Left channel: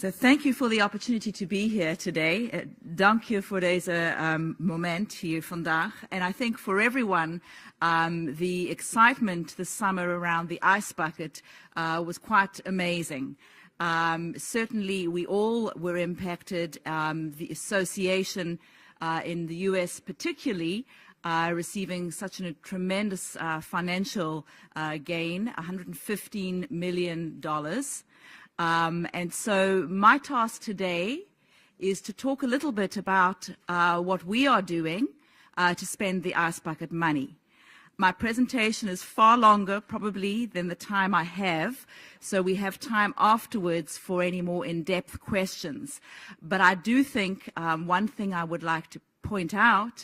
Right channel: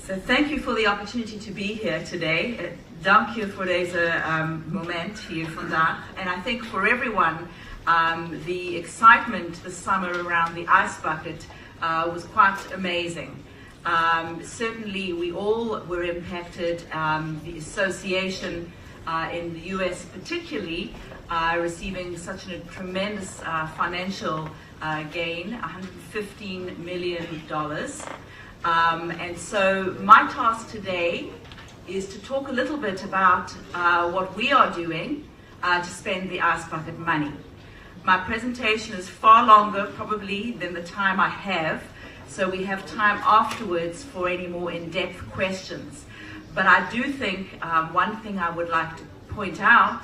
So thank you for the opportunity to be here today. Dank je voor deze moment hier vandaag. And I think for everyone, the excitement this summer around the ice bucket was quite amazing. Certainly we all were impacted. The association in the US particularly receiving such a tremendous financial gain, $115 million. And so my task today is to talk a little bit about what we are doing to spend the ice bucket money. My presentation is far longer probably than the time I have, so we have time afterwards for any more in-depth questions. But I do think one thing I would like to point out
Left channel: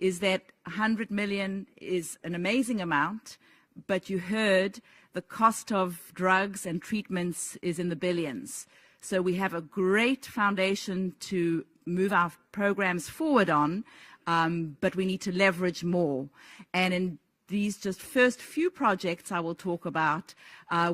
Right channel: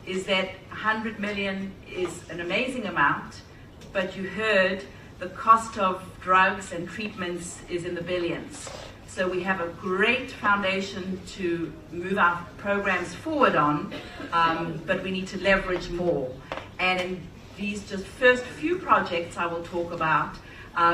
is that 100 million is an amazing amount, but you heard the cost of drugs and treatments is in the billions. So we have a great foundation to move our programs forward on, but we need to leverage more. And these just first few projects I will talk about,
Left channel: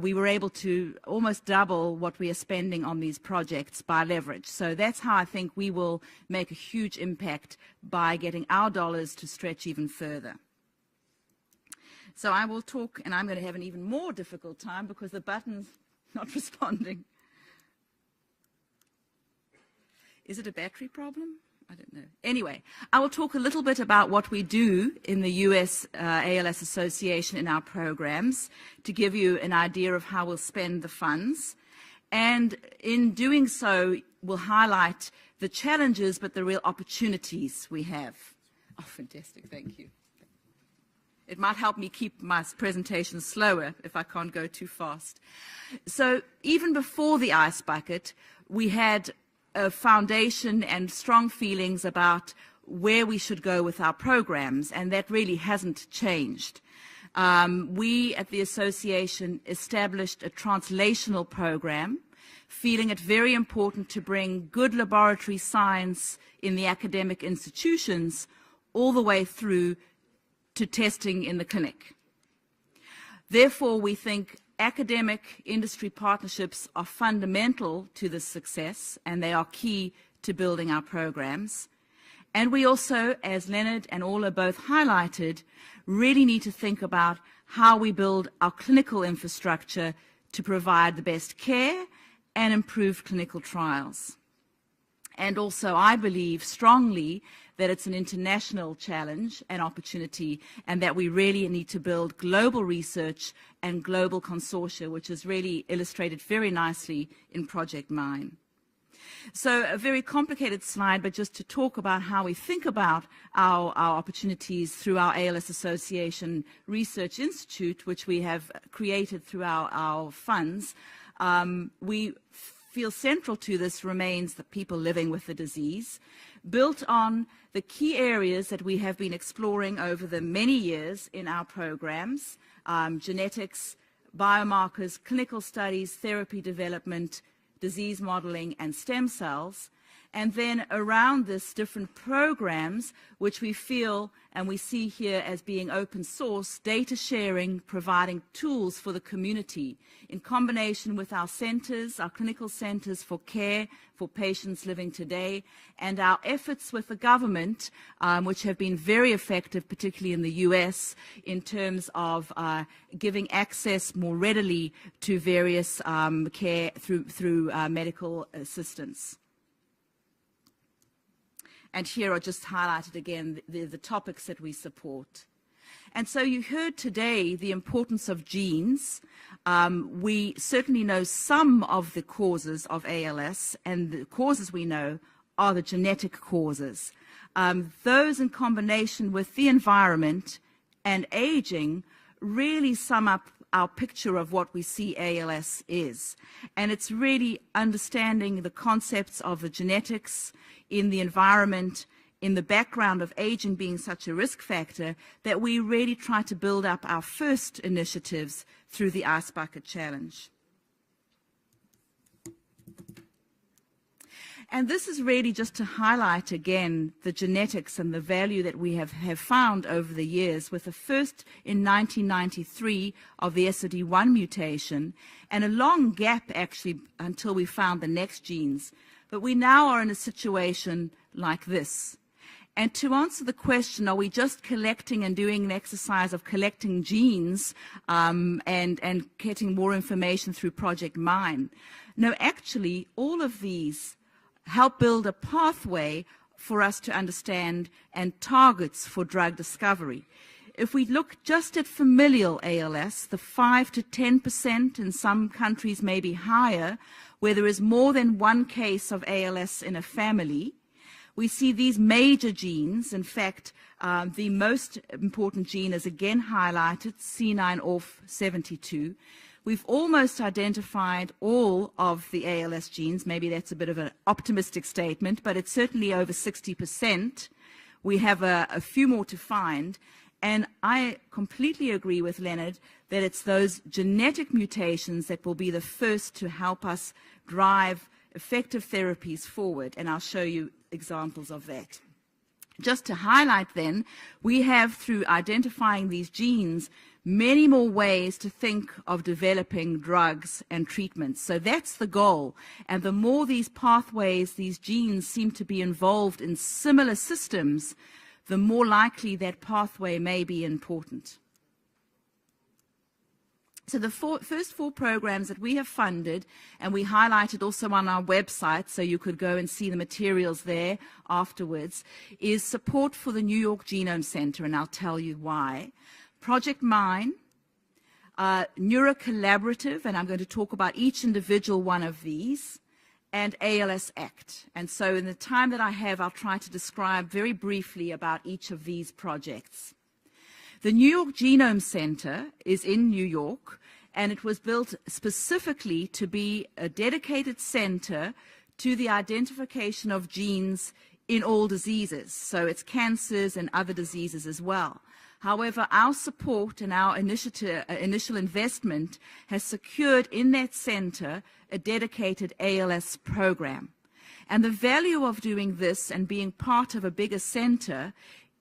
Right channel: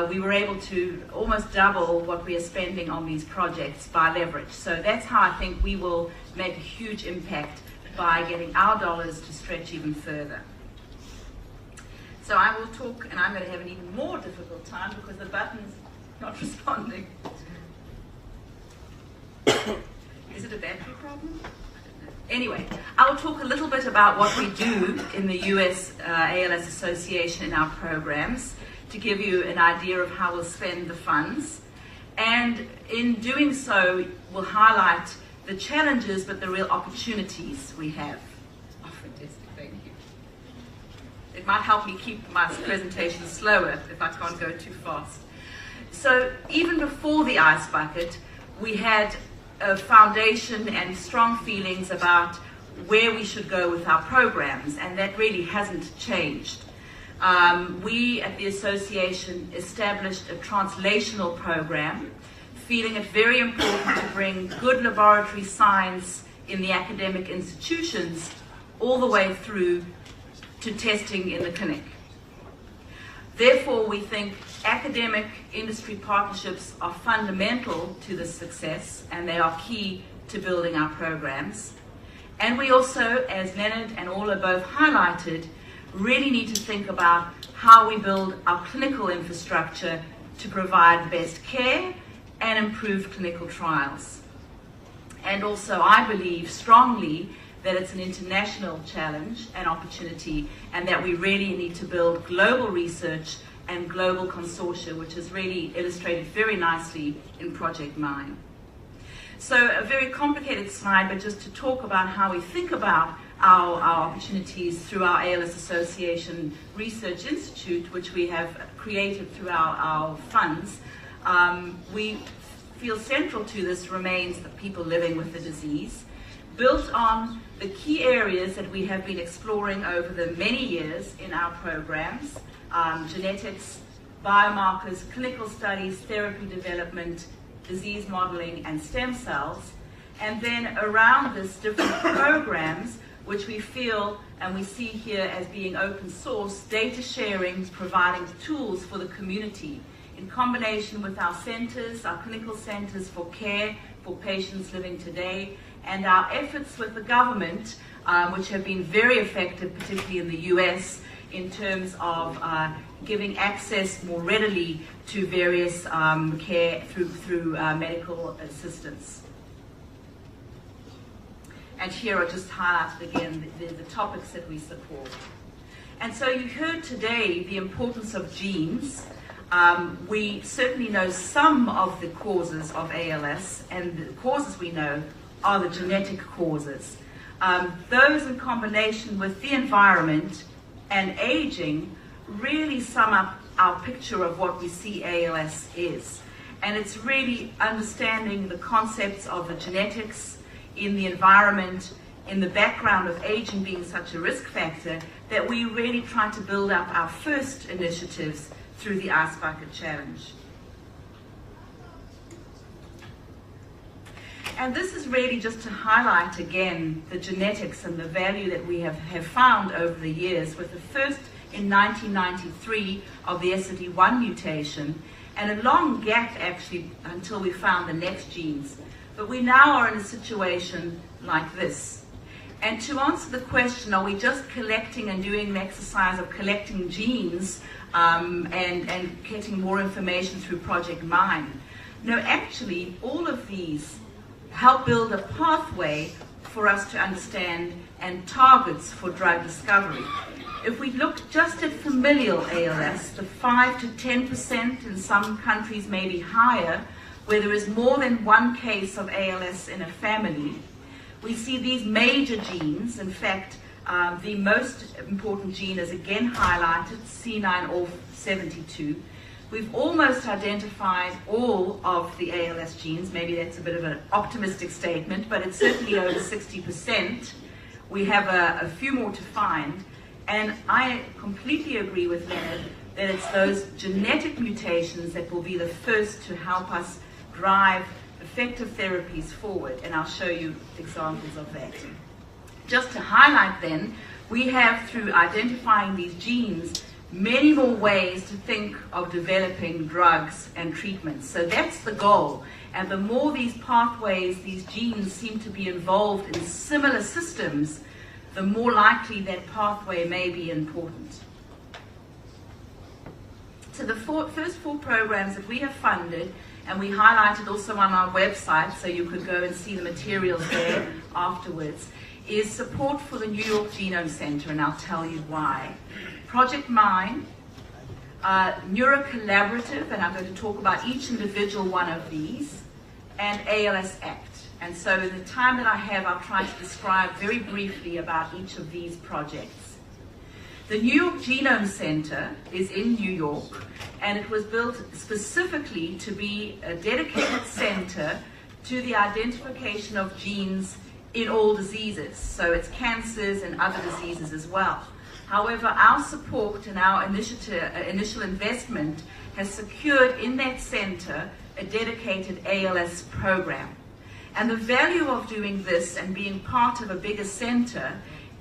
we were able to almost double what we are spending on these projects by leverage. So that's how I think we will make a huge impact by getting our dollars to stretch even further. So I will talk, and I'm going to have an even more difficult time because the button's not responding. Is it a battery problem? Anyway, I'll talk a little bit about what we do in the US ALS Association in our programs to give you an idea of how we'll spend the funds. And in doing so, we'll highlight the challenges but the real opportunities we have. It might help me keep my presentation slower if I can't go too fast. So even before the ice bucket, we had a foundation and strong feelings about where we should go with our programs, and that really hasn't changed. We at the association established a translational program, feeling it very important to bring good laboratory science in the academic institutions all the way through to testing in the clinic. Therefore, we think academic industry partnerships are fundamental to this success, and they are key to building our programs. And we also, as Leonard and Ola both highlighted, really need to think about how we build our clinical infrastructure to provide best care and improve clinical trials. And also, I believe strongly that it's an international challenge and opportunity, and that we really need to build global research and global consortia, which is really illustrated very nicely in Project 9. So a very complicated slide, but just to talk about how we think about our opportunities through our ALS Association Research Institute, which we have created through our funds. We feel central to this remains the people living with the disease, built on the key areas that we have been exploring over the many years in our programs, genetics, biomarkers, clinical studies, therapy development, disease modeling, and stem cells. And then around this, different programs, which we feel and we see here as being open source, data sharing, providing tools for the community in combination with our centers, our clinical centers for care for patients living today, and our efforts with the government, which have been very effective, particularly in the US, in terms of giving access more readily to various care through medical assistance. And here are just highlighted again the topics that we support. And so you heard today the importance of genes. We certainly know some of the causes of ALS, and the causes we know are the genetic causes. Those in combination with the environment and aging really sum up our picture of what we see ALS is. And it's really understanding the concepts of the genetics in the environment, in the background of aging being such a risk factor, that we really try to build up our first initiatives through the Ice Bucket Challenge. And this is really just to highlight again the genetics and the value that we have found over the years, with the first in 1993 of the SOD1 mutation, and a long gap actually until we found the next genes. But we now are in a situation like this. And to answer the question, are we just collecting and doing an exercise of collecting genes and getting more information through Project Mine? No, actually, all of these help build a pathway for us to understand and targets for drug discovery. If we look just at familial ALS, the 5 to 10%, in some countries maybe higher, where there is more than one case of ALS in a family, we see these major genes. In fact, the most important gene is again highlighted, C9orf72. We've almost identified all of the ALS genes. Maybe that's a bit of an optimistic statement, but it's certainly over 60%. We have a few more to find. And I completely agree with Leonard that it's those genetic mutations that will be the first to help us drive effective therapies forward, and I'll show you examples of that. Just to highlight then, we have, through identifying these genes, many more ways to think of developing drugs and treatments. So that's the goal. And the more these pathways, these genes seem to be involved in similar systems, the more likely that pathway may be important. So the first 4 programs that we have funded, and we highlighted also on our website, so you could go and see the materials there afterwards, is support for the New York Genome Center, and I'll tell you why. Project Mine, Neurocollaborative, and I'm going to talk about each individual one of these, and ALS Act. And so the time that I have, I'll try to describe very briefly about each of these projects. The New York Genome Center is in New York, and it was built specifically to be a dedicated center to the identification of genes in all diseases, so it's cancers and other diseases as well. However, our support and our initial investment has secured in that center a dedicated ALS program. And the value of doing this and being part of a bigger center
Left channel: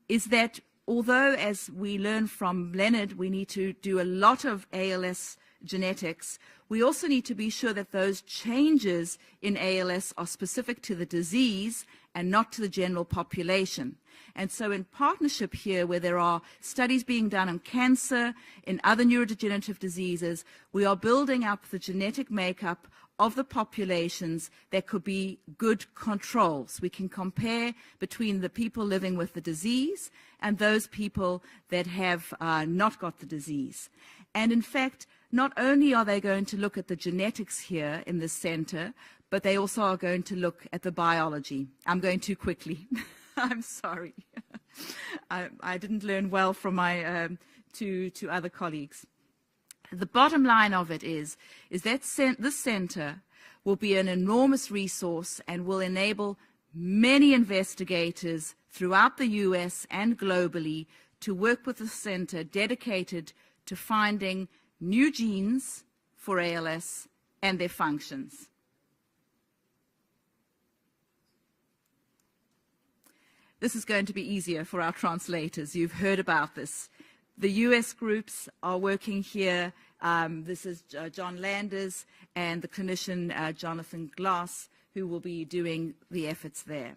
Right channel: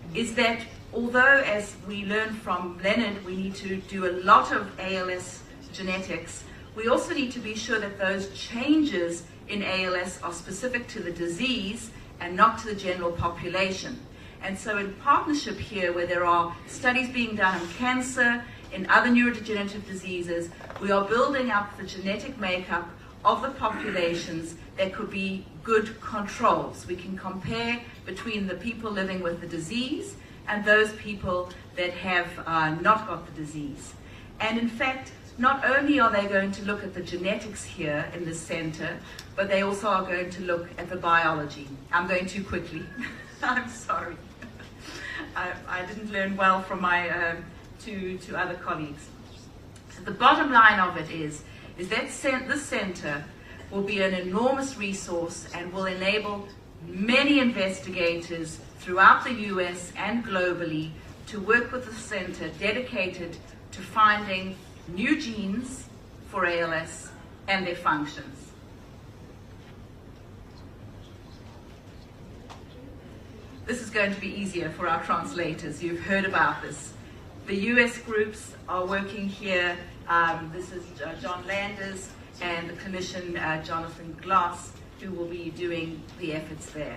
is that although, as we learned from Leonard, we need to do a lot of ALS genetics, we also need to be sure that those changes in ALS are specific to the disease and not to the general population. And so in partnership here, where there are studies being done on cancer, in other neurodegenerative diseases, we are building up the genetic makeup of the populations that could be good controls. We can compare between the people living with the disease and those people that have not got the disease. And in fact, not only are they going to look at the genetics here in the center, but they also are going to look at the biology. I'm going too quickly. I'm sorry. I didn't learn well from my two other colleagues. The bottom line of it is that this center will be an enormous resource and will enable many investigators throughout the US and globally to work with the center dedicated to finding new genes for ALS and their functions. This is going to be easier for our translators. You've heard about this. The US groups are working here. This is John Landers and the clinician Jonathan Glass, who will be doing the efforts there.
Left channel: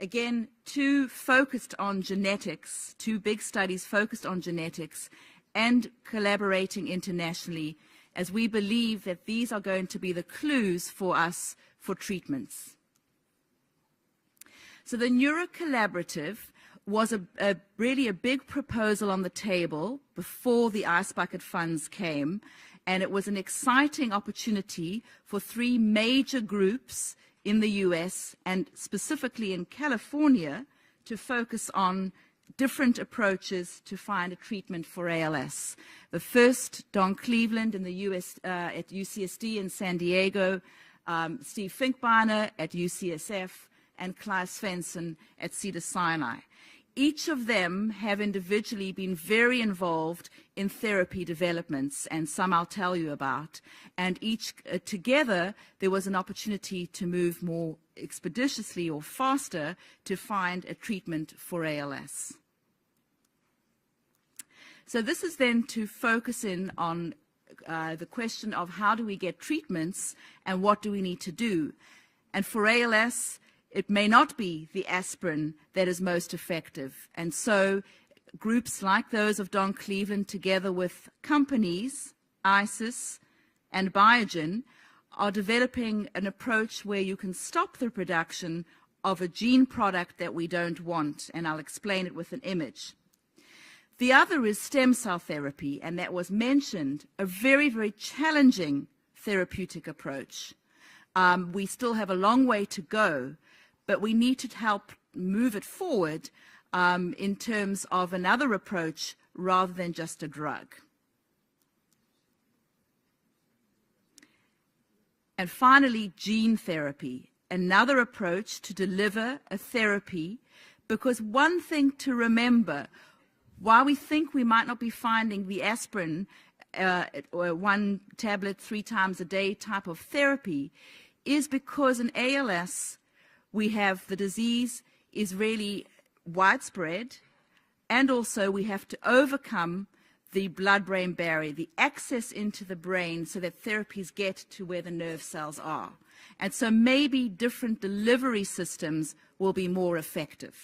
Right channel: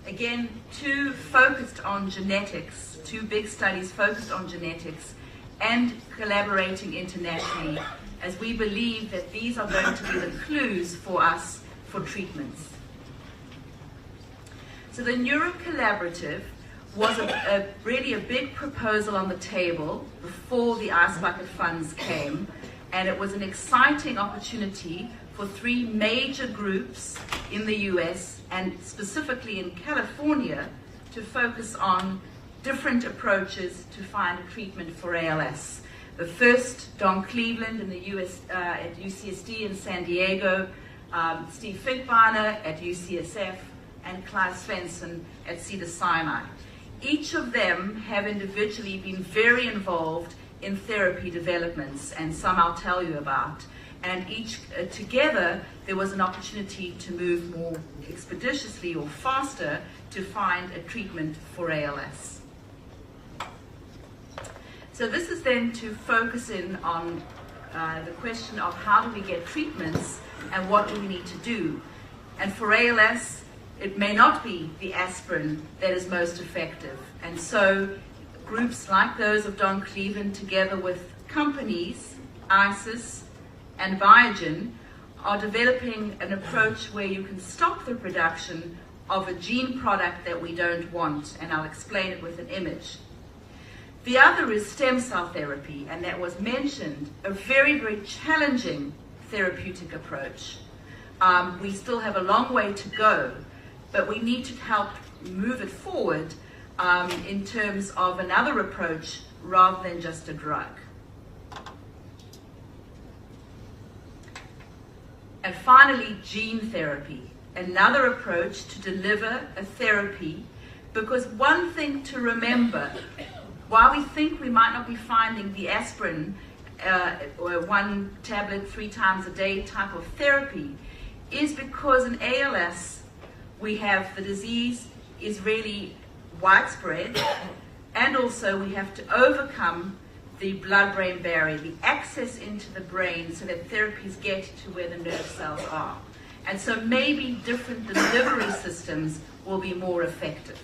Again, 2 focused on genetics, 2 big studies focused on genetics and collaborating internationally, as we believe that these are going to be the clues for us for treatments. So the Neurocollaborative was really a big proposal on the table before the Ice Bucket funds came, and it was an exciting opportunity for 3 major groups in the US and specifically in California to focus on different approaches to find treatment for ALS. The first, Don Cleveland in the US at UCSD in San Diego, Steve Finkbeiner at UCSF, and Clive Svensson at Cedars-Sinai. Each of them have individually been very involved in therapy developments, and some I'll tell you about. And each together, there was an opportunity to move more expeditiously or faster to find a treatment for ALS. So this is then to focus in on the question of how do we get treatments and what do we need to do. And for ALS, it may not be the aspirin that is most effective. And so groups like those of Don Cleveland, together with companies, ISIS and Biogen, are developing an approach where you can stop the production of a gene product that we don't want, and I'll explain it with an image. The other is stem cell therapy, and that was mentioned, a very, very challenging therapeutic approach. We still have a long way to go, but we need to help move it forward in terms of another approach rather than just a drug. And finally, gene therapy, another approach to deliver a therapy, because one thing to remember, while we think we might not be finding the aspirin or one tablet 3 times a day type of therapy, is because in ALS we have the disease is really widespread, and also we have to overcome the blood-brain barrier, the access into the brain so that therapies get to where the nerve cells are. And so maybe different delivery systems will be more effective.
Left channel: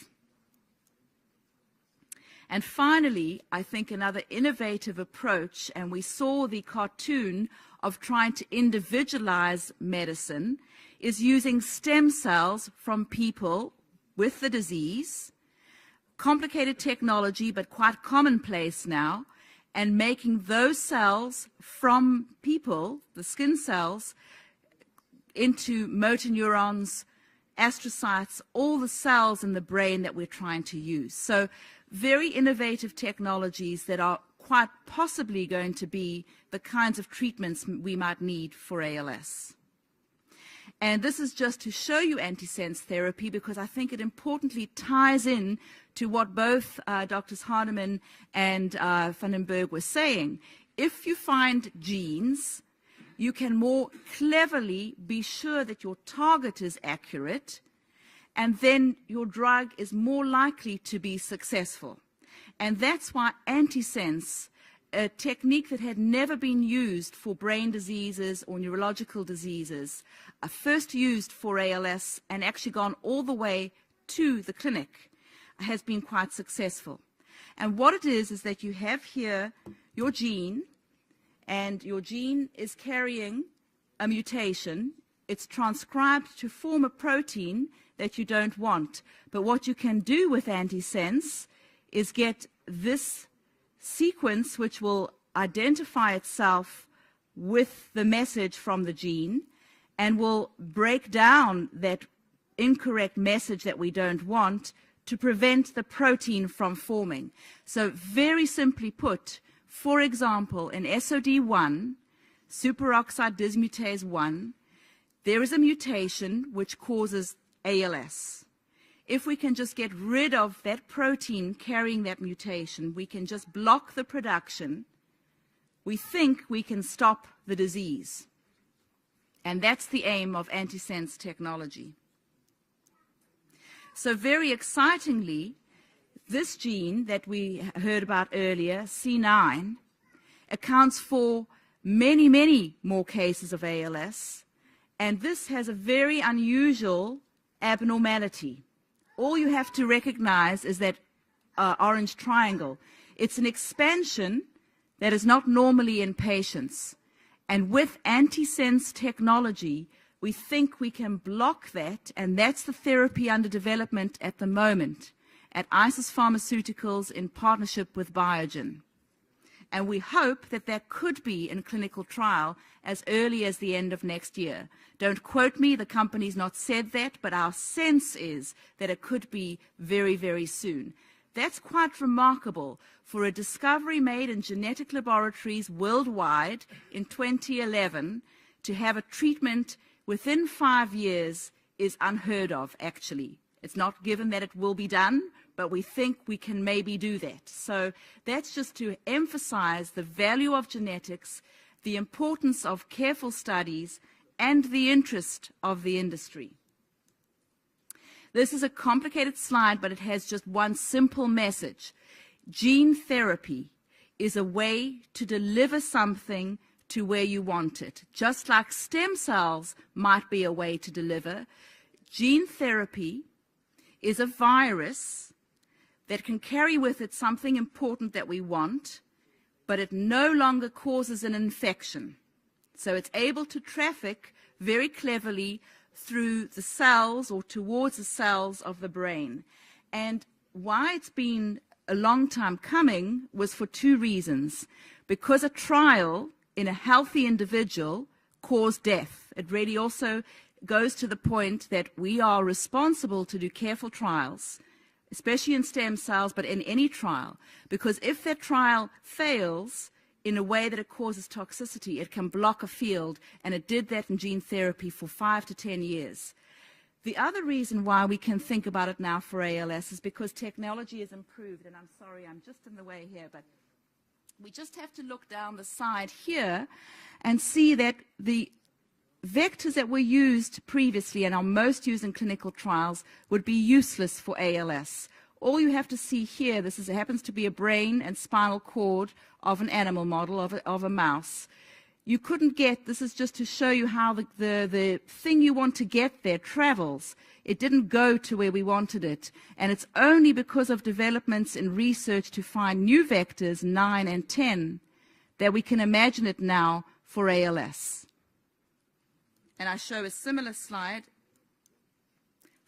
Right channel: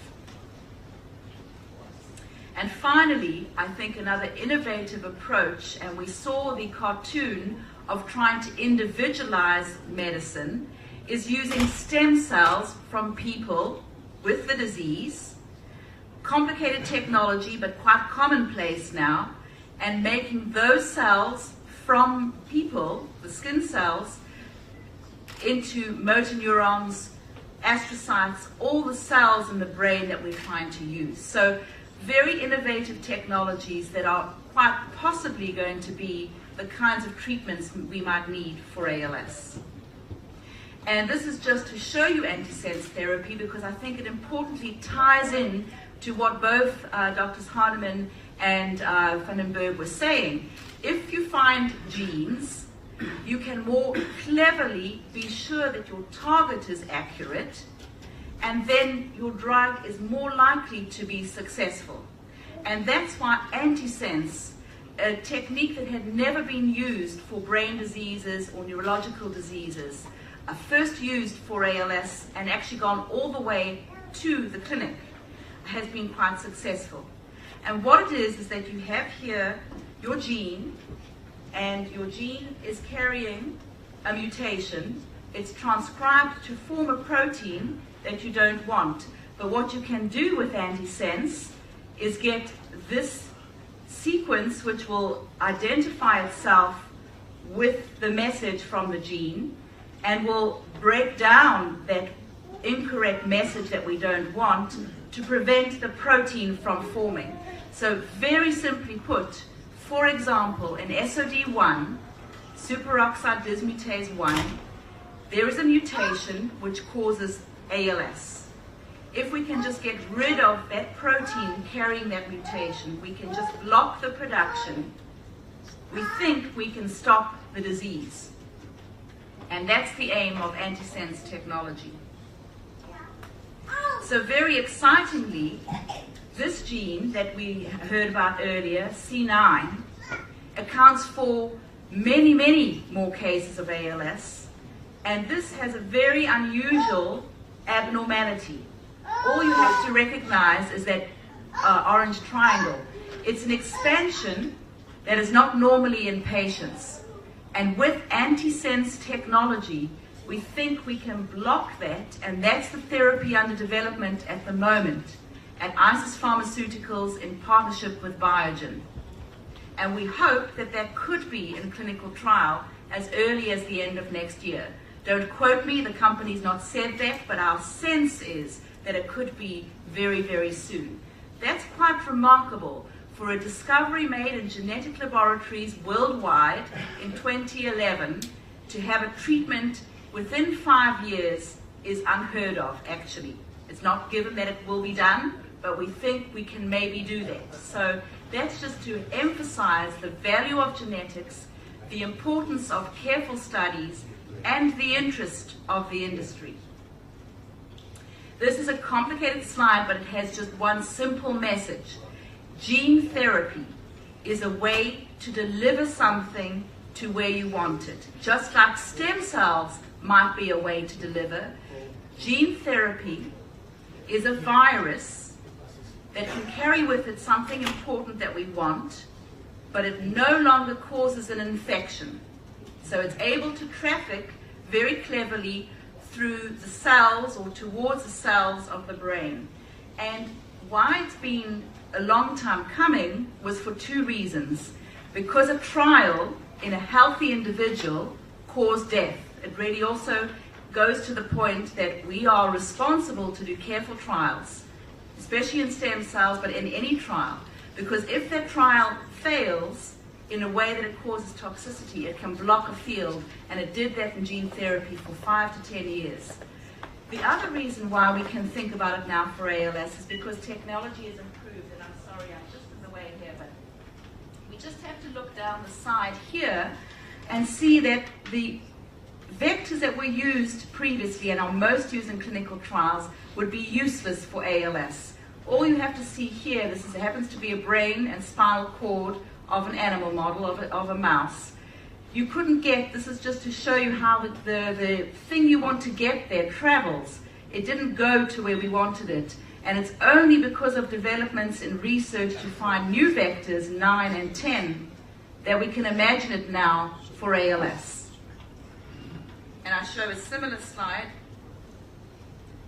And finally, I think another innovative approach, and we saw the cartoon of trying to individualize medicine, is using stem cells from people with the disease, complicated technology but quite commonplace now, and making those cells from people, the skin cells, into motor neurons, astrocytes, all the cells in the brain that we're trying to use. So very innovative technologies that are quite possibly going to be the kinds of treatments we might need for ALS. And this is just to show you antisense therapy because I think it importantly ties in to what both Drs. Hardeman and Vandenberg were saying. If you find genes, you can more cleverly be sure that your target is accurate, and then your drug is more likely to be successful. And that's why antisense, a technique that had never been used for brain diseases or neurological diseases, first used for ALS and actually gone all the way to the clinic, has been quite successful. And what it is that you have here your gene, and your gene is carrying a mutation. It's transcribed to form a protein that you don't want. But what you can do with antisense is get this sequence which will identify itself with the message from the gene and will break down that incorrect message that we don't want to prevent the protein from forming. So very simply put, for example, in SOD1, superoxide dismutase 1, there is a mutation which causes ALS. If we can just get rid of that protein carrying that mutation, we can just block the production, we think we can stop the disease. And that's the aim of antisense technology. So very excitingly, this gene that we heard about earlier, C9, accounts for many, many more cases of ALS, and this has a very unusual abnormality. All you have to recognize is that orange triangle. It's an expansion that is not normally in patients, and with antisense technology, we think we can block that, and that's the therapy under development at the moment at ISIS Pharmaceuticals in partnership with Biogen. And we hope that that could be in a clinical trial as early as the end of next year. Don't quote me, the company's not said that, but our sense is that it could be very, very soon. That's quite remarkable for a discovery made in genetic laboratories worldwide in 2011 to have a treatment within 5 years is unheard of, actually. It's not given that it will be done, but we think we can maybe do that. So that's just to emphasize the value of genetics, the importance of careful studies, and the interest of the industry. This is a complicated slide, but it has just one simple message. Gene therapy is a way to deliver something to where you want it. Just like stem cells might be a way to deliver, gene therapy is a virus that can carry with it something important that we want, but it no longer causes an infection. So it's able to traffic very cleverly through the cells or towards the cells of the brain. And why it's been a long time coming was for two reasons. Because a trial in a healthy individual caused death. It really also goes to the point that we are responsible to do careful trials, especially in stem cells, but in any trial. Because if that trial fails in a way that causes toxicity, it can block a field, and it did that in gene therapy for 5 to 10 years. The other reason why we can think about it now for ALS is because technology has improved, and I'm sorry, I'm just in the way here, but you just have to look down the side here and see that the vectors that were used previously and are most used in clinical trials would be useless for ALS. All you have to see here, this happens to be a brain and spinal cord of an animal model, of a mouse. You couldn't get, this is just to show you how the thing you want to get there travels. It didn't go to where we wanted it. And it's only because of developments in research to find new vectors, 9 and 10, that we can imagine it now for ALS. And I'll show a similar slide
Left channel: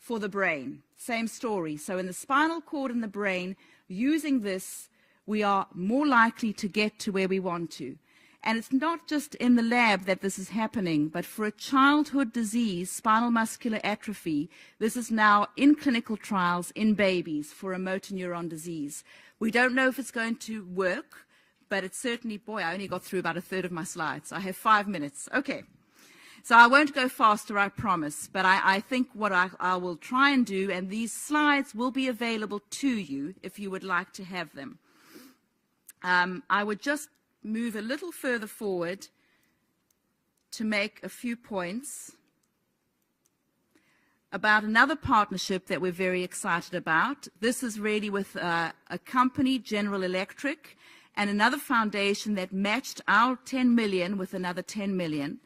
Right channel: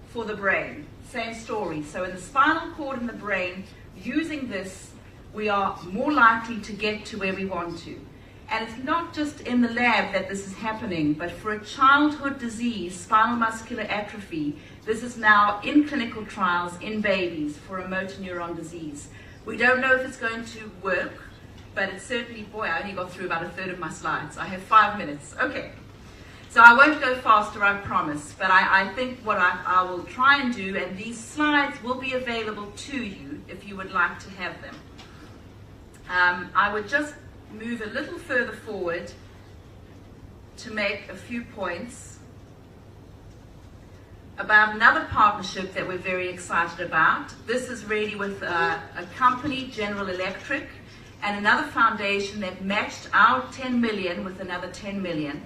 for the brain. Same story. So in the spinal cord in the brain, using this, we are more likely to get to where we want to. And it's not just in the lab that this is happening, but for a childhood disease, spinal muscular atrophy, this is now in clinical trials in babies for a motor neuron disease. We don't know if it's going to work, but it's certainly, boy, I only got through about a third of my slides. I have 5 minutes. Okay. So I won't go faster, I promise, but I think what I will try and do, and these slides will be available to you if you would like to have them. I would just move a little further forward to make a few points about another partnership that we're very excited about. This is really with a company, General Electric, and another foundation that matched our 10 million with another 10 million.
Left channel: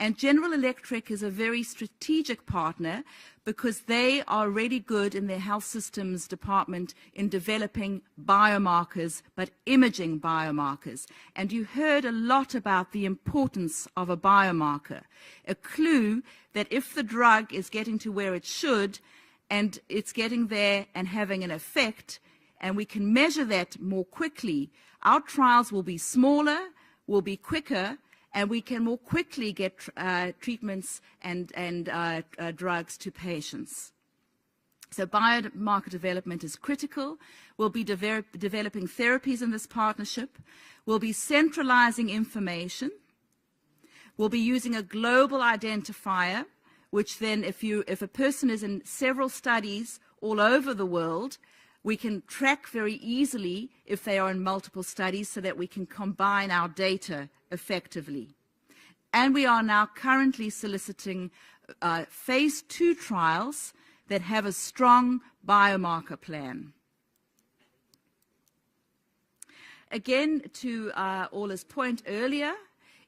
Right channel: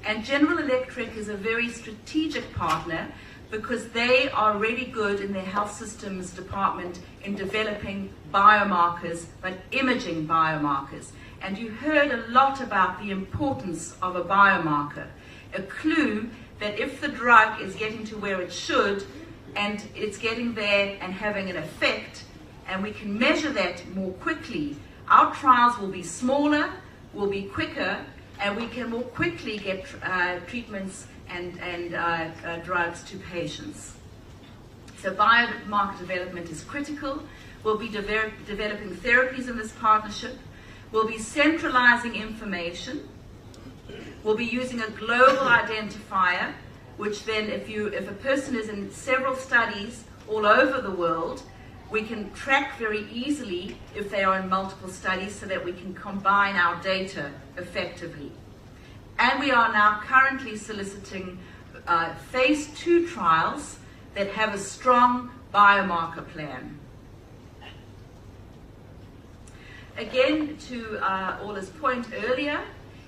And General Electric is a very strategic partner because they are really good in their health systems department in developing biomarkers, but imaging biomarkers. And you heard a lot about the importance of a biomarker, a clue that if the drug is getting to where it should, and it's getting there and having an effect, and we can measure that more quickly, our trials will be smaller, will be quicker, and we can more quickly get treatments and drugs to patients. So biomarker development is critical. We'll be developing therapies in this partnership. We'll be centralizing information. We'll be using a global identifier, which then if a person is in several studies all over the world, we can track very easily if they are in multiple studies so that we can combine our data effectively. And we are now currently soliciting phase 2 trials that have a strong biomarker plan. Again, to Orla's point earlier,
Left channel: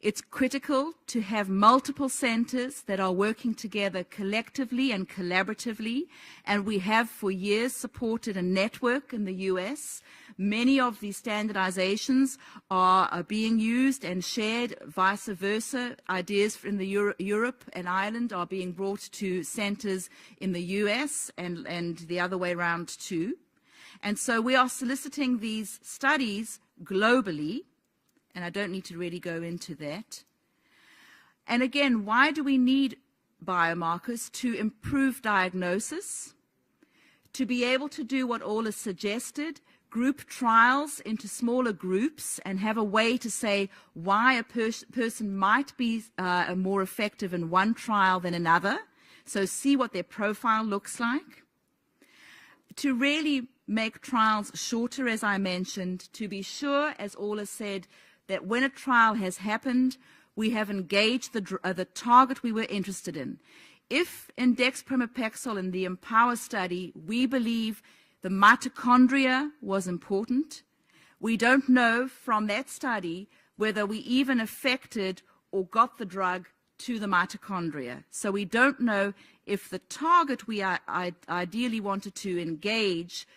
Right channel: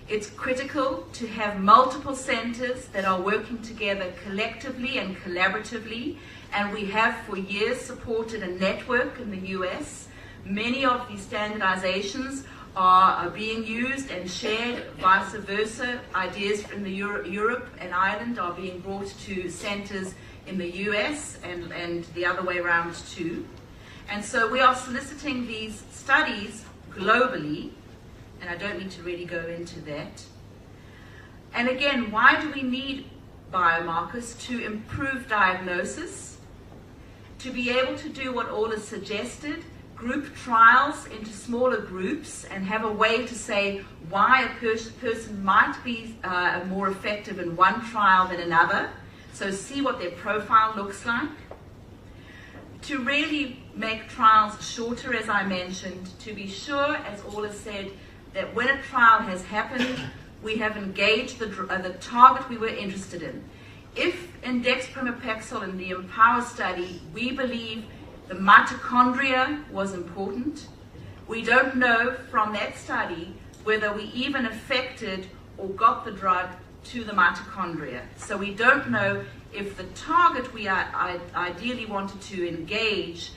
it's critical to have multiple centers that are working together collectively and collaboratively, and we have for years supported a network in the US. Many of these standardizations are being used and shared, vice versa. Ideas from Europe and Ireland are being brought to centers in the US and the other way around too. And so we are soliciting these studies globally, and I don't need to really go into that. And again, why do we need biomarkers? To improve diagnosis, to be able to do what Orla suggested, group trials into smaller groups and have a way to say why a person might be more effective in one trial than another, so see what their profile looks like. To really make trials shorter, as I mentioned, to be sure, as Orla said, that when a trial has happened, we have engaged the target we were interested in. If in dexpramipexole in the EMPOWER study, we believe the mitochondria was important, we don't know from that study whether we even affected or got the drug to the mitochondria. So we don't know if the target we ideally wanted to engage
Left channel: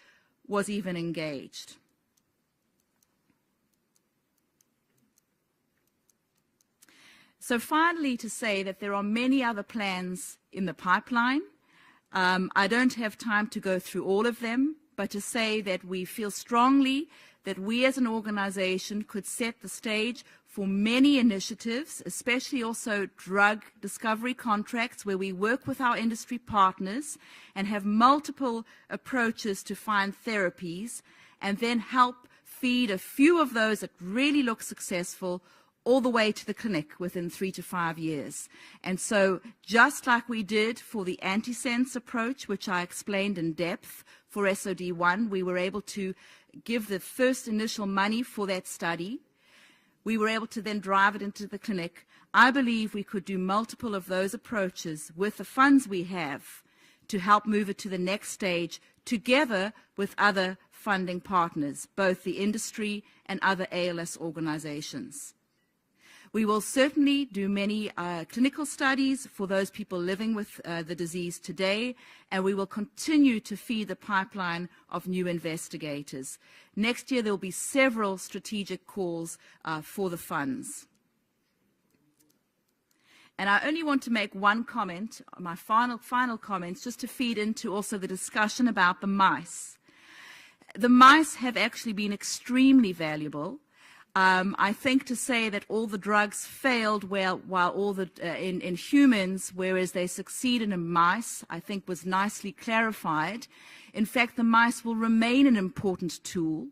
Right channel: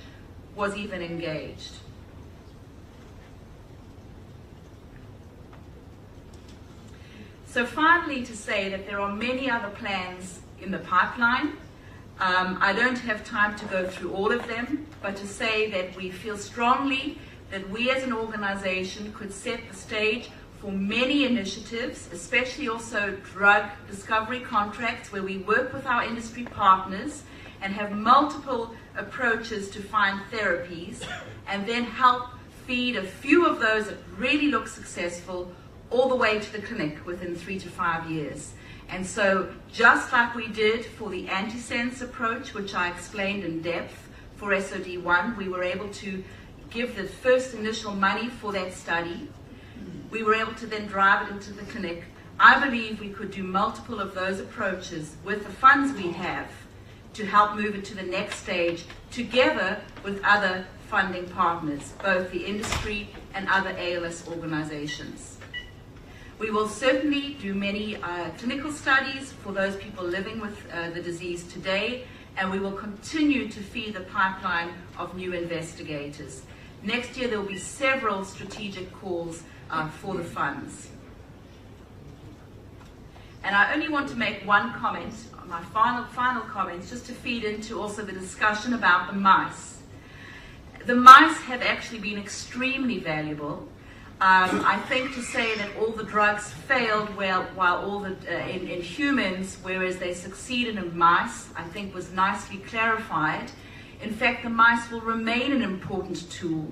was even engaged. So finally, to say that there are many other plans in the pipeline. I don't have time to go through all of them, but to say that we feel strongly that we as an organization could set the stage for many initiatives, especially also drug discovery contracts where we work with our industry partners and have multiple approaches to find therapies, and then help feed a few of those that really look successful all the way to the clinic within 3 to 5 years. And so, just like we did for the antisense approach, which I explained in depth for SOD1, we were able to give the first initial money for that study. We were able to then drive it into the clinic. I believe we could do multiple of those approaches with the funds we have to help move it to the next stage, together with other funding partners, both the industry and other ALS organizations. We will certainly do many clinical studies for those people living with the disease today, and we will continue to feed the pipeline of new investigators. Next year there will be several strategic calls for the funds. And I only want to make one comment, my final comment, just to feed into also the discussion about the mice. The mice have actually been extremely valuable. I think to say that all the drugs failed while all in humans, whereas they succeeded in mice, I think was nicely clarified. In fact, the mice will remain an important tool,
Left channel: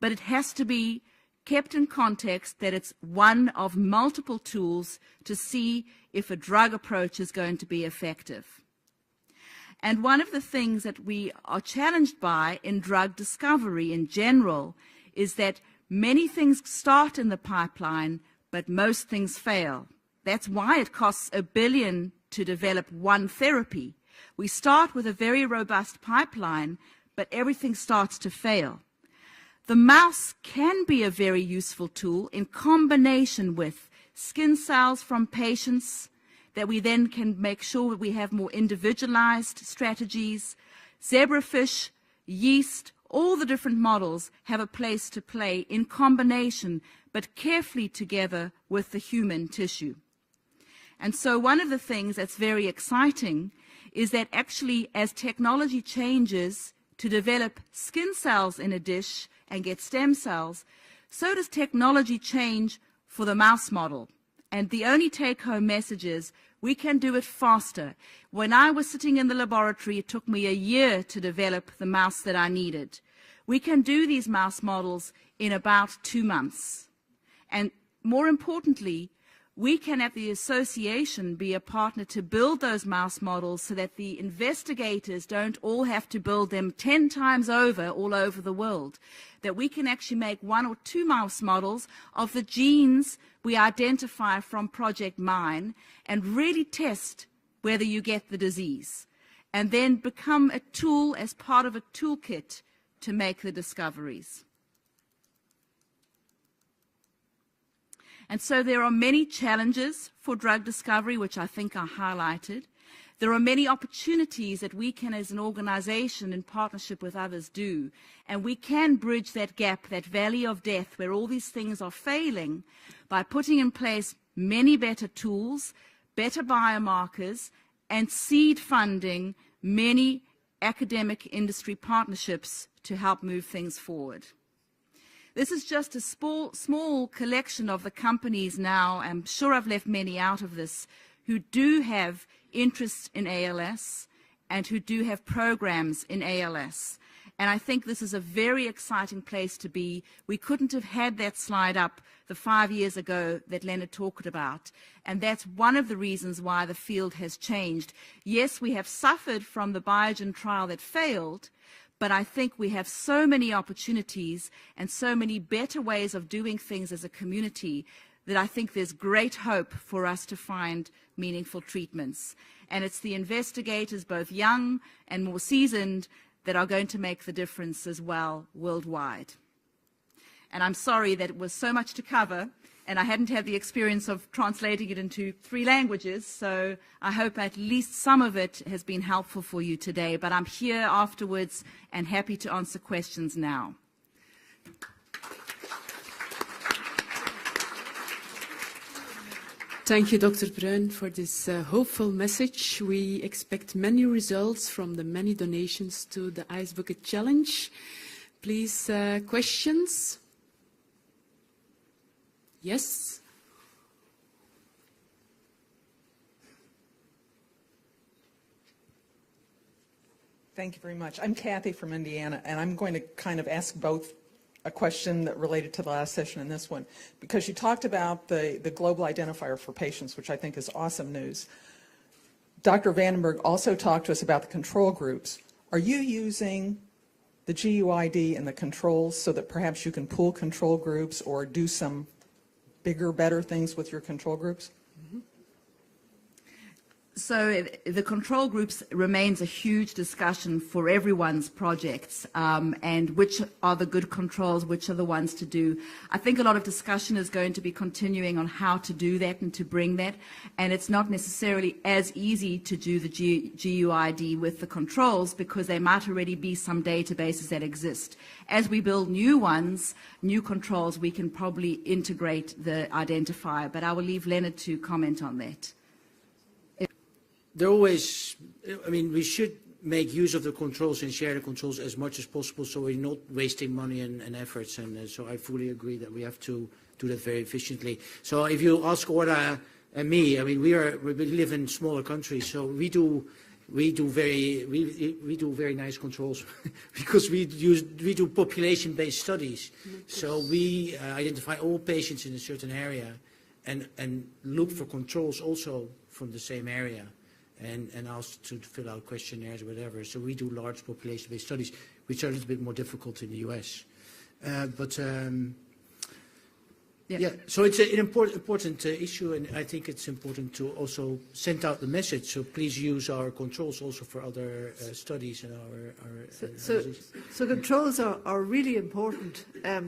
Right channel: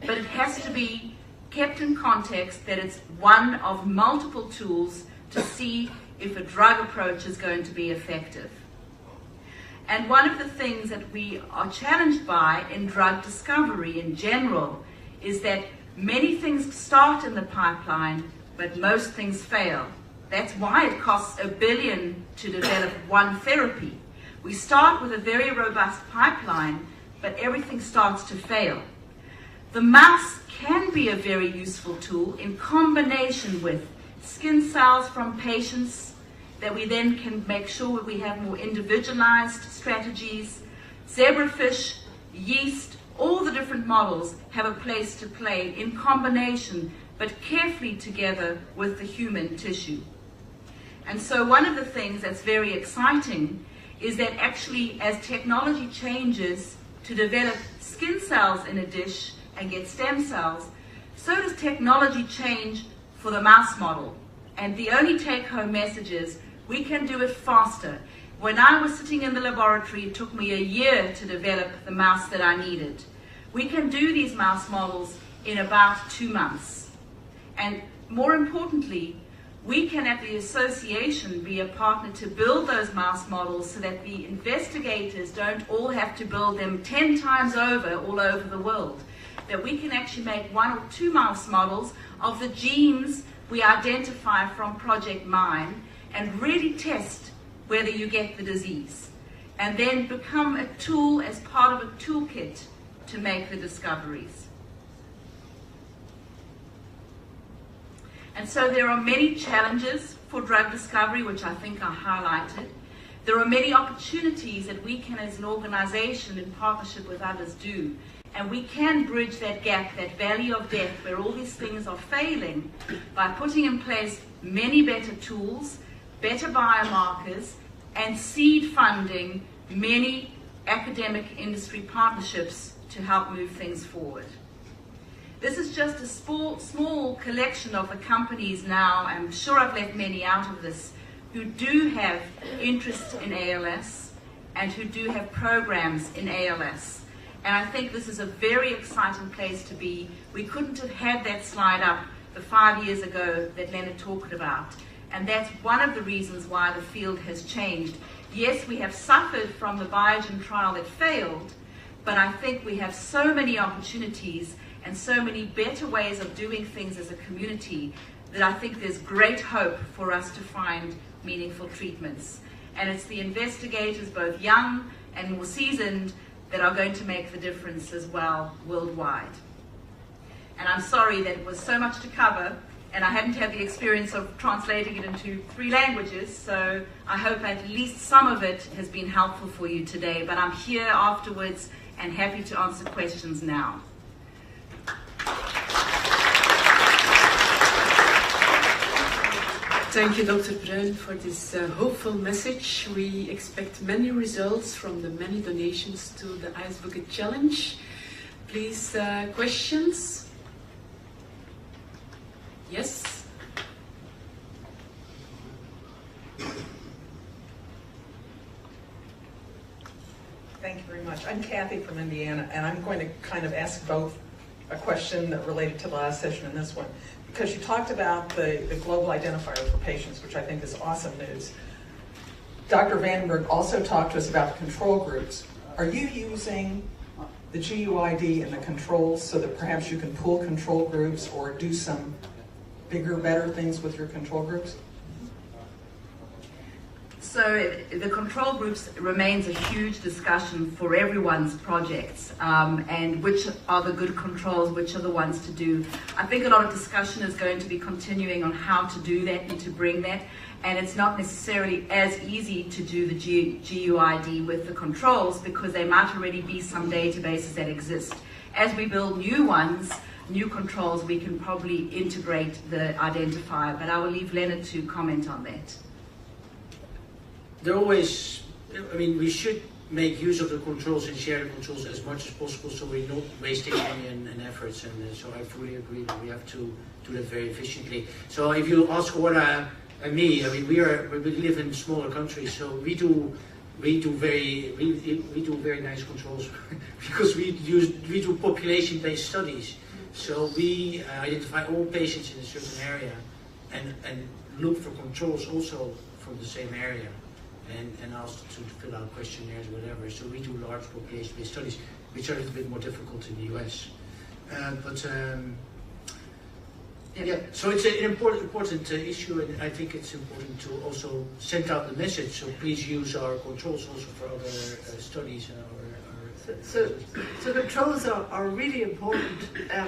but it has to be kept in context that it's one of multiple tools to see if a drug approach is going to be effective. And one of the things that we are challenged by in drug discovery in general is that many things start in the pipeline, but most things fail. That's why it costs $1 billion to develop one therapy. We start with a very robust pipeline, but everything starts to fail. The mouse can be a very useful tool in combination with skin cells from patients that we then can make sure we have more individualized strategies. Zebrafish, yeast, all the different models have a place to play in combination, but carefully together with the human tissue. And so one of the things that's very exciting is that actually as technology changes to develop skin cells in a dish and get stem cells, so does technology change for the mouse model. And the only take-home message is we can do it faster. When I was sitting in the laboratory, it took me a year to develop the mouse that I needed. We can do these mouse models in about 2 months. And more importantly, we can at the association be a partner to build those mouse models so that the investigators don't all have to build them 10 times over all over the world. That we can actually make 1 or 2 mouse models of the genes we identify from Project Mine and really test whether you get the disease. And then become a tool as part of a toolkit to make the discoveries. And so there are many challenges for drug discovery, which I think I highlighted. There are many opportunities that we can as an organization in partnership with others do. And we can bridge that gap, that valley of death where all these things are failing by putting in place many better tools, better biomarkers, and seed funding many academic industry partnerships to help move things forward. This is just a small collection of the companies now, I'm sure I've left many out of this, who do have interest in ALS and who do have programs in ALS. And I think this is a very exciting place to be. We couldn't have had that slide up the 5 years ago that Leonard talked about. And that's one of the reasons why the field has changed. Yes, we have suffered from the Biogen trial that failed, but I think we have so many opportunities and so many better ways of doing things as a community that I think there's great hope for us to find meaningful treatments. And it's the investigators, both young and more seasoned, that are going to make the difference as well worldwide. And I'm sorry that it was so much to cover, and I haven't had the experience of translating it into 3 languages, so I hope at least some of it has been helpful for you today. But I'm here afterwards and happy to answer questions now. Thank you, Dr. Bruijn, for this hopeful message. We expect many results from the many donations to the Ice Bucket Challenge. Please, questions? Yes? Thank you very much. I'm Kathy from Indiana, and I'm going to kind of ask both a question that related to the last session and this one. Because you talked about the global identifier for patients, which I think is awesome news. Dr. Vandenberg also talked to us about control groups. Are you using the GUID and the controls so that perhaps you can pull control groups or do some bigger, better things with your control groups? So the control groups remains a huge discussion for everyone's projects, and which are the good controls, which are the ones to do. I think a lot of discussion is going to be continuing on how to do that and to bring that, and it's not necessarily as easy to do the GUID with the controls because there might already be some databases that exist. As we build new ones, new controls, we can probably integrate the identifier, but I'll leave Leonard to comment on that. There always, I mean, we should make use of the controls and share the controls as much as possible so we're not wasting money and efforts, and so I fully agree that we have to do that very efficiently. So if you ask Ora and me, I mean, we live in smaller countries, so we do very nice controls because we do population-based studies. So we identify all patients in a certain area and look for controls also from the same area. And asked to fill out questionnaires or whatever. So we do large population-based studies, which are a bit more difficult in the US. So it's an important issue, and I think it's important to also send out the message. So please use our controls also for other studies and our So the controls are really important. I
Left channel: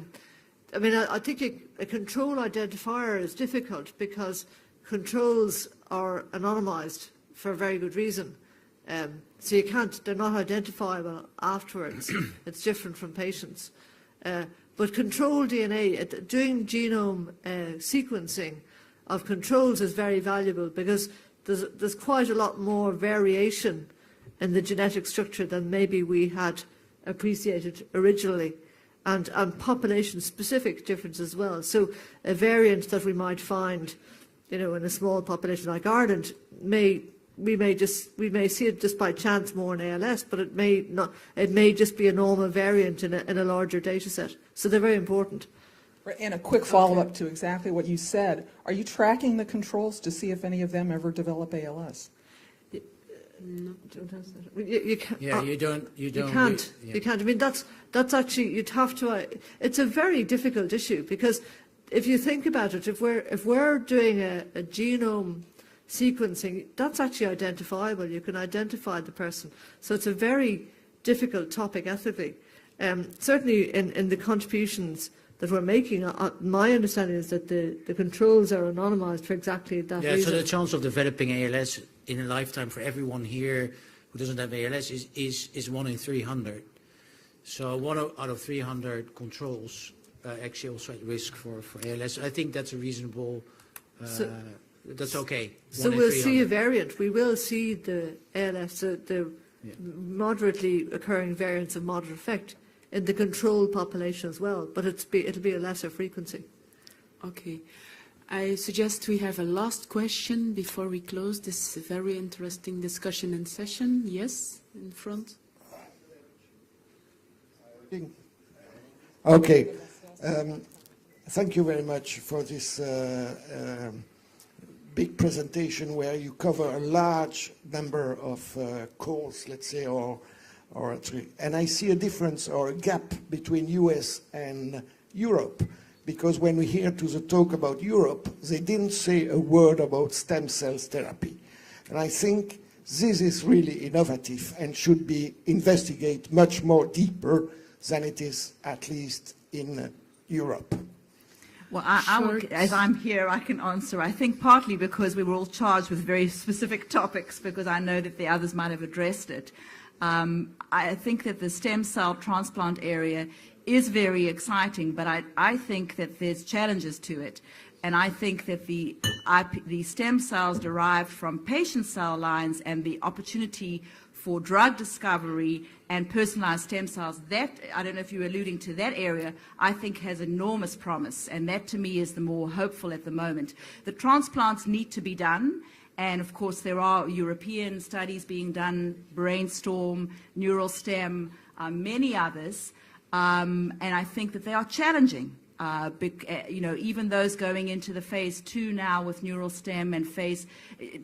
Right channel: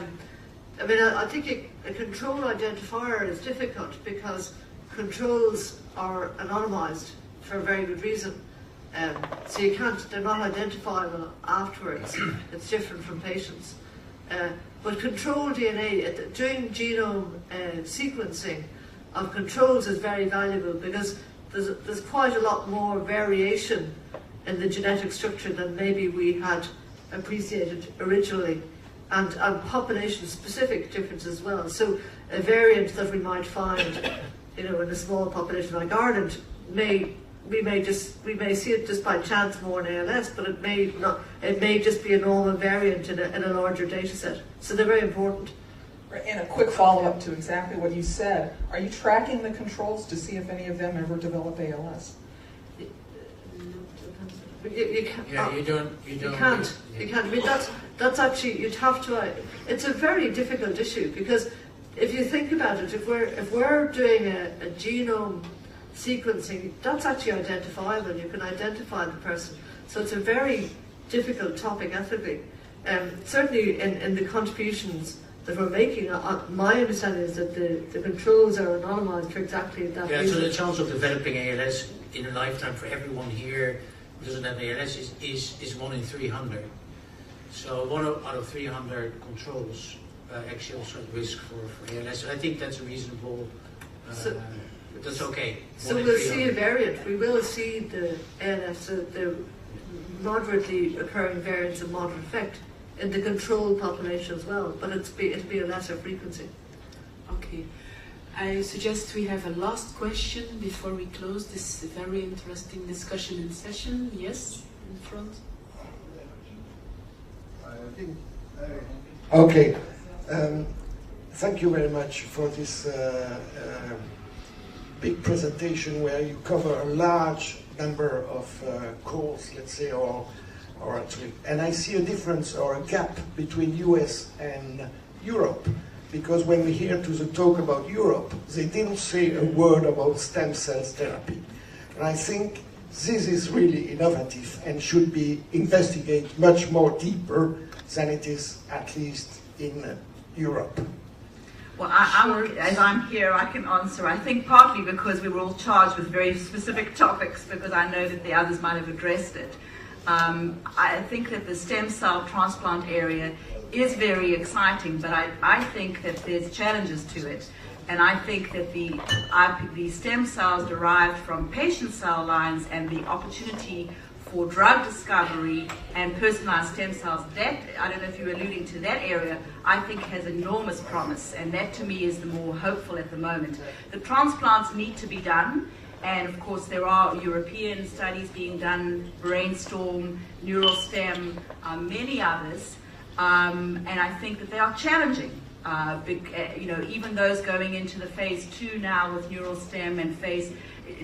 mean, I think a control identifier is difficult because controls are anonymized for a very good reason. So they're not identifiable afterwards. It's different from patients. But control DNA, doing genome sequencing of controls is very valuable because there's quite a lot more variation in the genetic structure than maybe we had appreciated originally, and population-specific differences as well. So a variant that we might find, in a small population like Ireland, we may see it just by chance more in ALS, but it may just be a normal variant in a larger data set. So they're very important. And a quick follow-up to exactly what you said. Are you tracking the controls to see if any of them ever develop ALS? You can't. I mean, that's actually, you'd have to. It's a very difficult issue because if you think about it, if we're doing a genome sequencing, that's actually identifiable. You can identify the person. So it's a very difficult topic ethically. Certainly in the contributions that we're making, my understanding is that the controls are anonymized for exactly that reason. So the chance of developing ALS in a lifetime for everyone here who doesn't have ALS is 1 in 300. So 1 out of 300 controls actually also a risk for ALS. I think that's a reasonable. That's okay. So we'll see a variant. We will see the ALS, the moderately occurring variants of moderate effect in the control population as well, but it'll be a lesser frequency. Okay. I suggest we have a last question before we close this very interesting discussion and session. Yes, in front. Okay. Thank you very much for this big presentation where you cover a large number of calls, let's say, and I see a difference or a gap between US and Europe, because when we hear to the talk about Europe, they didn't say a word about stem cell therapy. And I think this is really innovative and should be investigated much more deeper than it is, at least in Europe. Well, as I'm here, I can answer. I think partly because we were all charged with very specific topics, because I know that the others might have addressed it. I think that the stem cell transplant area is very exciting, but I think that there's challenges to it. And I think that the stem cells derived from patient cell lines and the opportunity for drug discovery and personalized stem cells, that, I don't know if you're alluding to that area, I think has enormous promise, and that to me is the more hopeful at the moment. The transplants need to be done, and of course there are European studies being done, Brainstorm, Neural Stem, many others, and I think that they are challenging. Even those going into the phase 2 now with Neural Stem and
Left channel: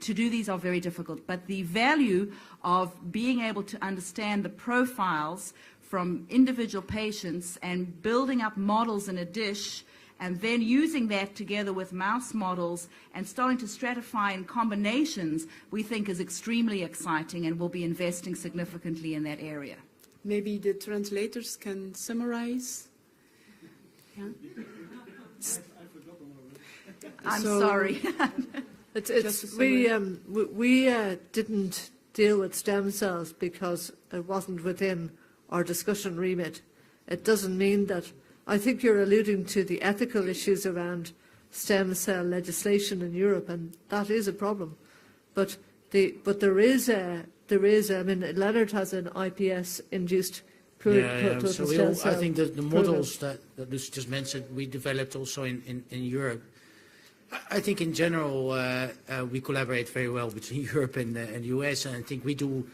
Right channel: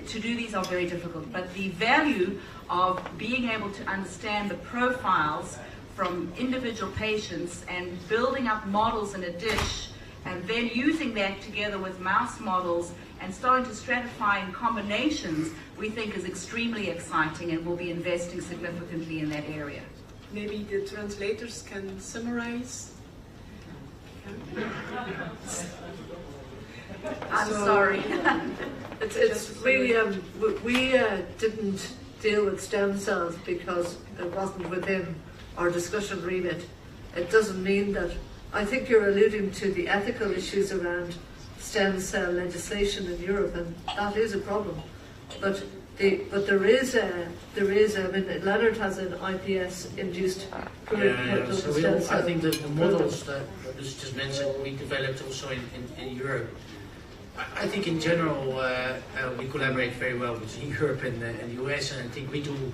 to do these are very difficult, but the value of being able to understand the profiles from individual patients and building up models in a dish and then using that together with mouse models and starting to stratify in combinations, we think is extremely exciting, and we'll be investing significantly in that area. Maybe the translators can summarize. I'm sorry. It's really, we didn't deal with stem cells because it wasn't within our discussion remit. It doesn't mean that. I think you're alluding to the ethical issues around stem cell legislation in Europe, and that is a problem. But there is I mean, Leonard has an IPS-induced pluripotent stem cell. I think that the models that Lucy just mentioned, we developed also in Europe. I think in general we collaborate very well between Europe and the US, and I think we do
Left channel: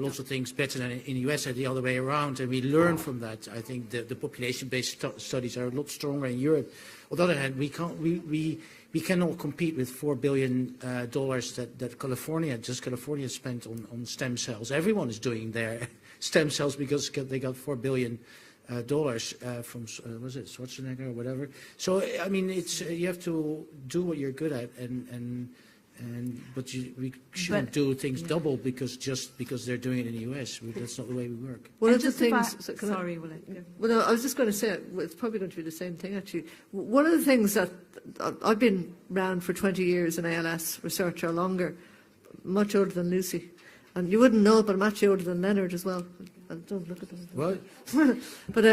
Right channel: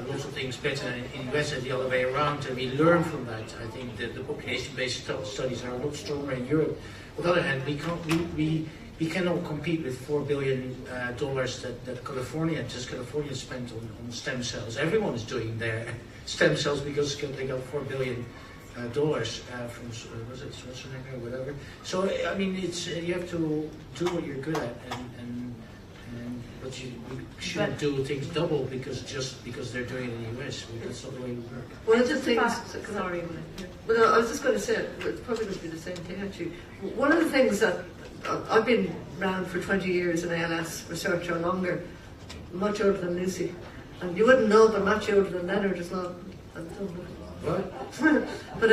lots of things better in the US than the other way around, and we learn from that. I think the population-based studies are a lot stronger in Europe. On the other hand, we cannot compete with $4 billion that California spent on stem cells. Everyone's doing their stem cells because they got $4 billion from was it Schwarzenegger or whatever. So I mean, you have to do what you're good at, but we shouldn't do things double because they're doing it in the US. That's not the way we work. One of the things, sorry, well, I was just going to say, it's probably going to be the same thing actually. One of the things that I've been around for 20 years in ALS research or longer, much older than Lucy, and you wouldn't know that I'm much older than Leonard as well. What? But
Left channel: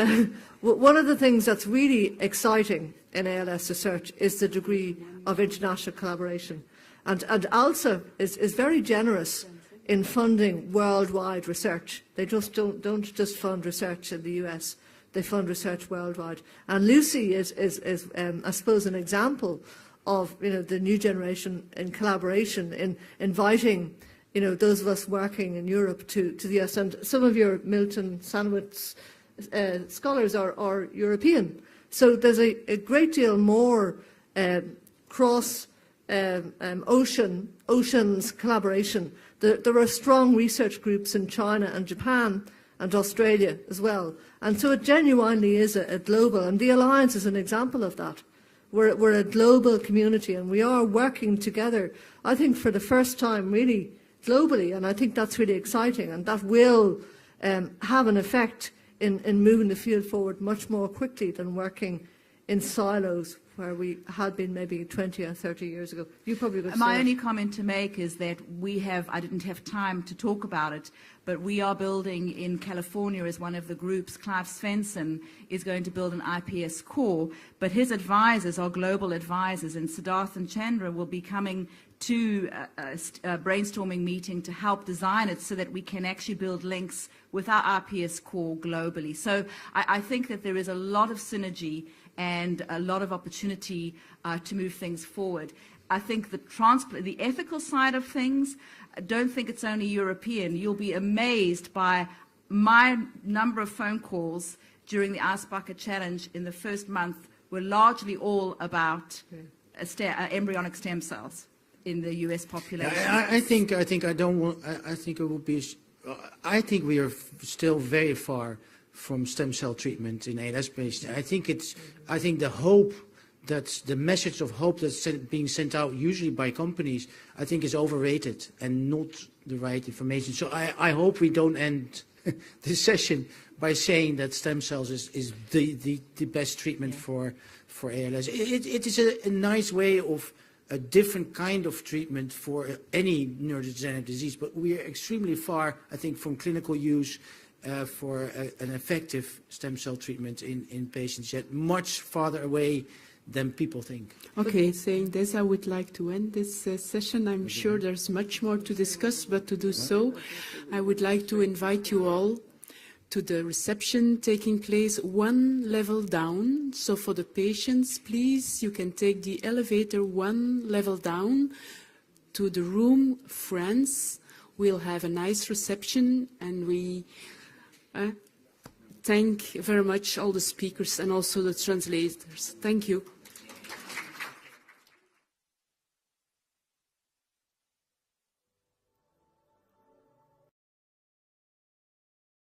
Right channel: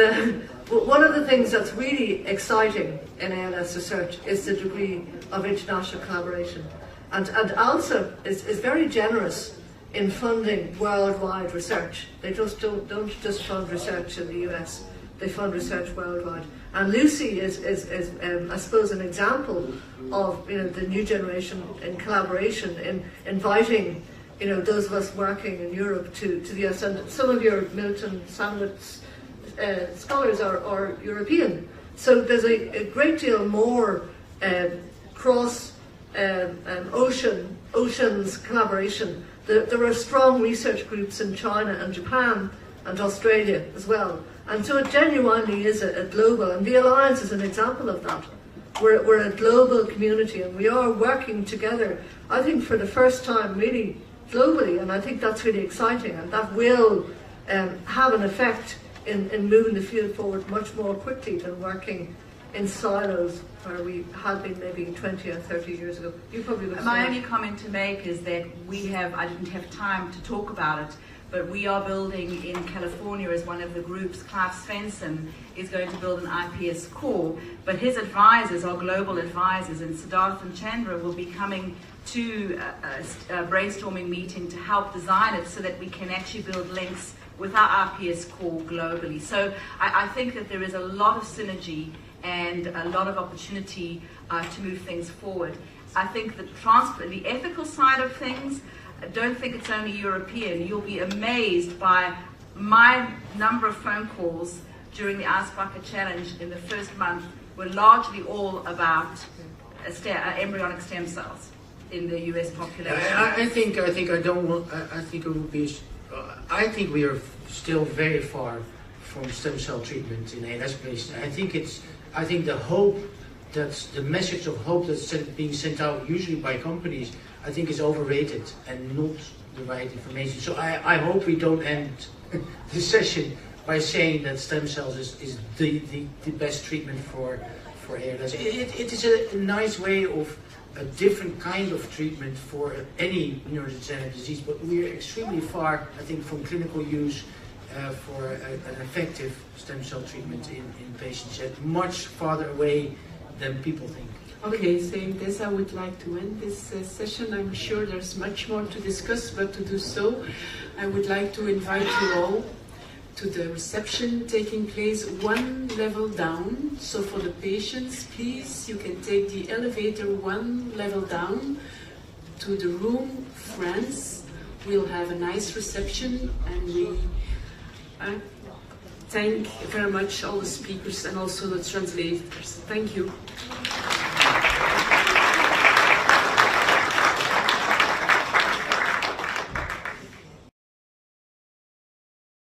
one of the things that's really exciting in ALS research is the degree of international collaboration. And ALSA is very generous in funding worldwide research. They just don't just fund research in the US, they fund research worldwide. And Lucy is I suppose, an example of the new generation in collaboration, in inviting those of us working in Europe to the US. And some of your Milton Sandwich scholars are European. So there's a great deal more cross oceans collaboration. There are strong research groups in China and Japan and Australia as well. And so it genuinely is a global, and the Alliance is an example of that. We're a global community, and we are working together, I think, for the first time really globally, and I think that's really exciting, and that will have an effect in moving the field forward much more quickly than working in silos where we had been maybe 20 or 30 years ago. You probably would. My only comment to make is that I didn't have time to talk about it, but we are building in California as one of the groups. Klaus Svensson is going to build an IPS core, but his advisors are global advisors, and Siddharth and Chandra will be coming to a brainstorming meeting to help design it so that we can actually build links with our IPS core globally. So I think that there is a lot of synergy and a lot of opportunity to move things forward. I think the ethical side of things, I don't think it's only European. You'll be amazed by my number of phone calls during the Ice Bucket Challenge in the first month were largely all about embryonic stem cells in the US population. I think we are still very far from stem cell treatment in ALS patients. I think the message of hope that's being sent out usually by companies, I think is overrated and not the right information. So I hope we don't end this session by saying that stem cells is the best treatment for ALS. It is a nice way of a different kind of treatment for any neurodegenerative disease, but we are extremely far, I think, from clinical use for an effective stem cell treatment in patients, yet much farther away than people think. Okay, saying this, I would like to end this session. I'm sure there's much more to discuss, but to do so, I would like to invite you all to the reception taking place one level down. So for the patients, please, you can take the elevator one level down to the room France. We'll have a nice reception, and we thank very much all the speakers and also the translators. Thank you.